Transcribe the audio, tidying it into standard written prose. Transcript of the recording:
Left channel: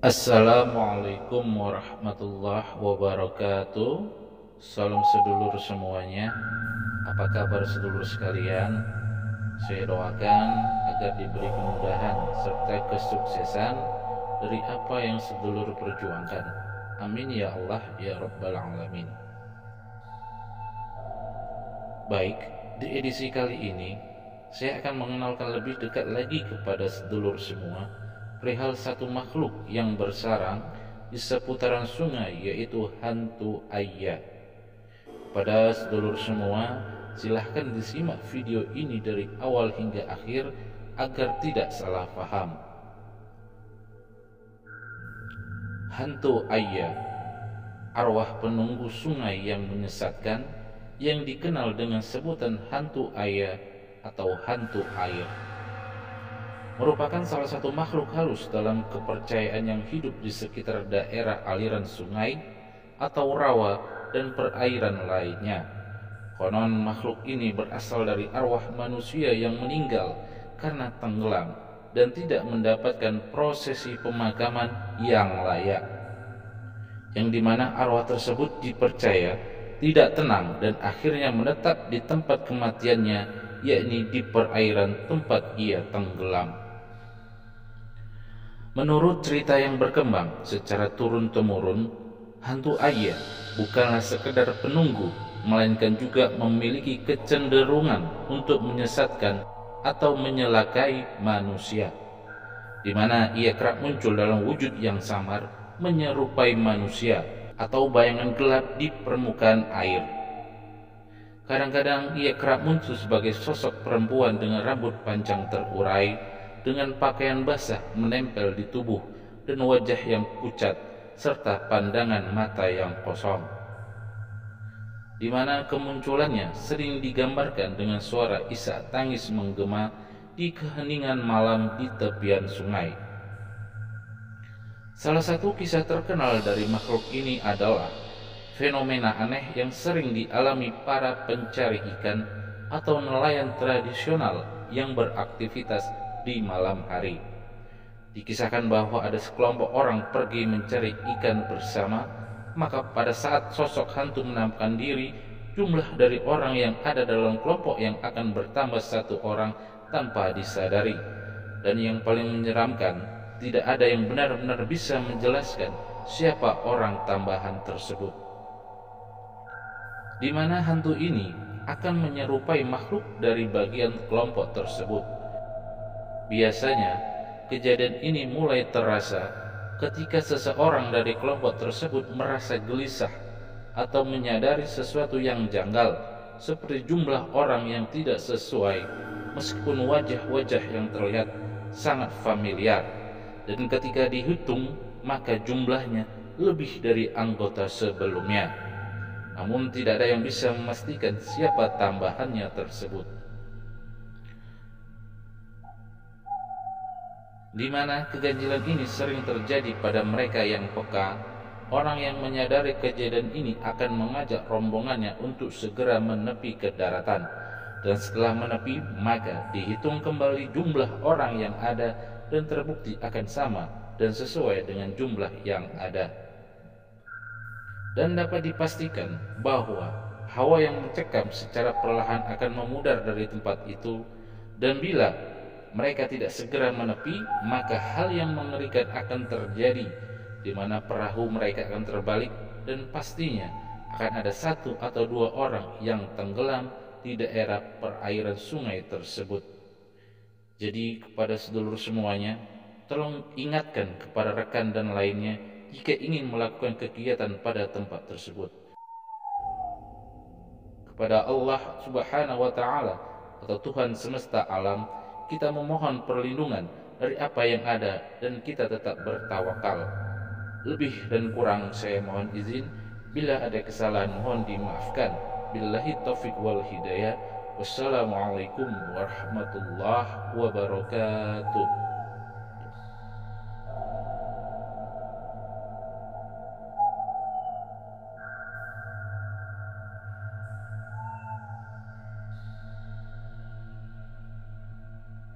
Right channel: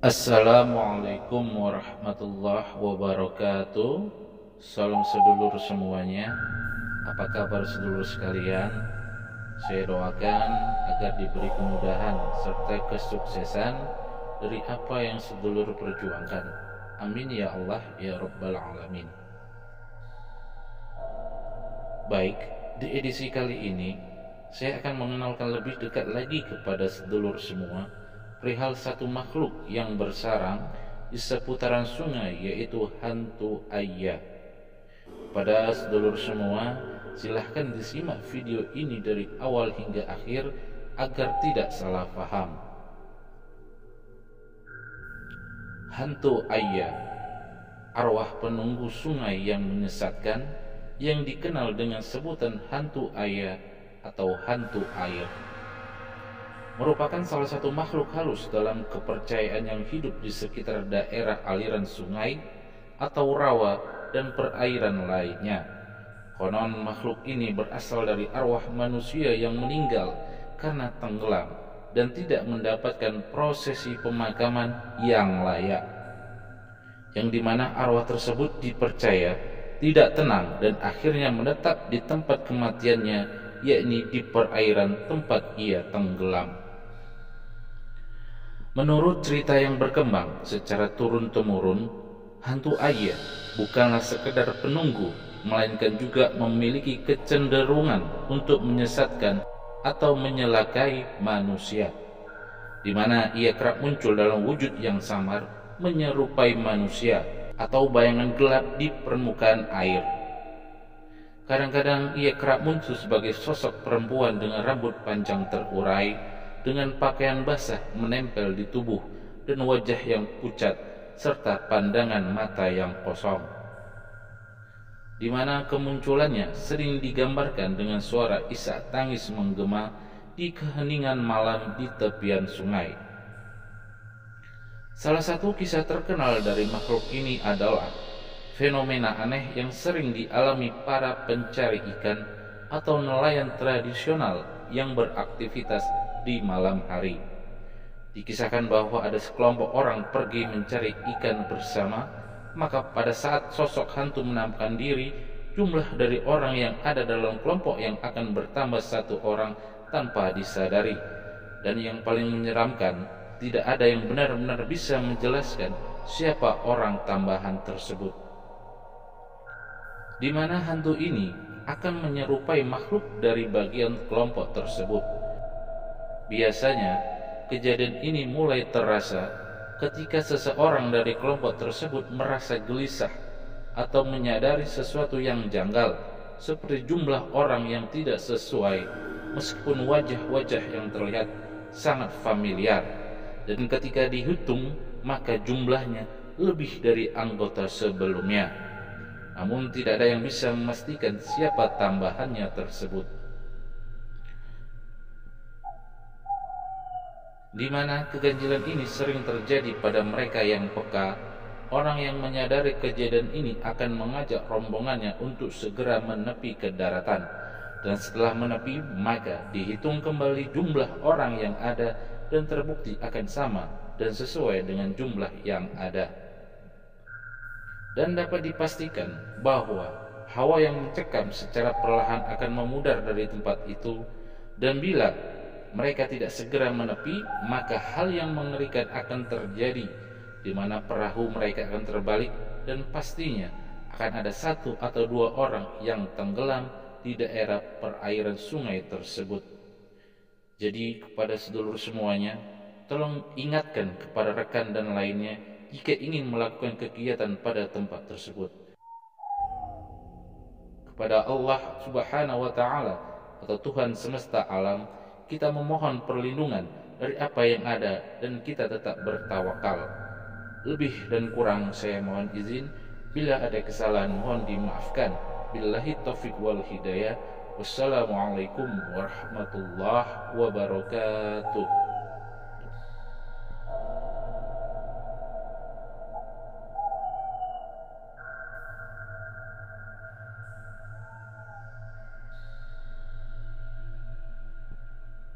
Assalamualaikum warahmatullahi wabarakatuh. Salam sedulur semuanya. Apa kabar sedulur sekalian? Saya doakan agar diberi kemudahan serta kesuksesan dari apa yang sedulur perjuangkan. Amin ya Allah ya Rabbal Alamin. Baik, di edisi kali ini saya akan mengenalkan lebih dekat lagi kepada sedulur semua perihal satu makhluk yang bersarang di seputaran sungai, yaitu hantu Ayah. Pada sedulur semua, silahkan disimak video ini dari awal hingga akhir agar tidak salah paham. Hantu Ayah, arwah penunggu sungai yang menyesatkan, yang dikenal dengan sebutan hantu Ayah atau hantu air, merupakan salah satu makhluk halus dalam kepercayaan yang hidup di sekitar daerah aliran sungai atau rawa dan perairan lainnya. Konon makhluk ini berasal dari arwah manusia yang meninggal karena tenggelam dan tidak mendapatkan prosesi pemakaman yang layak, yang dimana arwah tersebut dipercaya tidak tenang dan akhirnya menetap di tempat kematiannya, yakni di perairan tempat ia tenggelam. Menurut cerita yang berkembang secara turun-temurun, hantu Ayah bukanlah sekedar penunggu, melainkan juga memiliki kecenderungan untuk menyesatkan atau menyelakai manusia, di mana ia kerap muncul dalam wujud yang samar, menyerupai manusia atau bayangan gelap di permukaan air. Kadang-kadang ia kerap muncul sebagai sosok perempuan dengan rambut panjang terurai, dengan pakaian basah menempel di tubuh dan wajah yang pucat serta pandangan mata yang kosong, di mana kemunculannya sering digambarkan dengan suara isak tangis menggema di keheningan malam di tepian sungai. Salah satu kisah terkenal dari makhluk ini adalah fenomena aneh yang sering dialami para pencari ikan atau nelayan tradisional yang beraktivitas di malam hari. Dikisahkan bahwa ada sekelompok orang pergi mencari ikan bersama, maka pada saat sosok hantu menampakkan diri, jumlah dari orang yang ada dalam kelompok yang akan bertambah satu orang tanpa disadari. Dan yang paling menyeramkan, tidak ada yang benar-benar bisa menjelaskan siapa orang tambahan tersebut, di mana hantu ini akan menyerupai makhluk dari bagian kelompok tersebut. Biasanya, kejadian ini mulai terasa ketika seseorang dari kelompok tersebut merasa gelisah atau menyadari sesuatu yang janggal, seperti jumlah orang yang tidak sesuai, meskipun wajah-wajah yang terlihat sangat familiar, dan ketika dihitung maka jumlahnya lebih dari anggota sebelumnya. Namun tidak ada yang bisa memastikan siapa tambahannya tersebut, di mana keganjilan ini sering terjadi pada mereka yang peka. Orang yang menyadari kejadian ini akan mengajak rombongannya untuk segera menepi ke daratan, dan setelah menepi maka dihitung kembali jumlah orang yang ada dan terbukti akan sama dan sesuai dengan jumlah yang ada. Dan dapat dipastikan bahwa hawa yang mencekam secara perlahan akan memudar dari tempat itu, dan bila mereka tidak segera menepi, maka hal yang mengerikan akan terjadi, di mana perahu mereka akan terbalik dan pastinya akan ada satu atau dua orang yang tenggelam di daerah perairan sungai tersebut. Jadi kepada sedulur semuanya, tolong ingatkan kepada rekan dan lainnya jika ingin melakukan kegiatan pada tempat tersebut. Kepada Allah Subhanahu wa Ta'ala atau Tuhan semesta alam, kita memohon perlindungan dari apa yang ada dan kita tetap bertawakal. Lebih dan kurang saya mohon izin. Bila ada kesalahan mohon dimaafkan. Billahi taufik wal hidayah. Wassalamualaikum warahmatullahi wabarakatuh.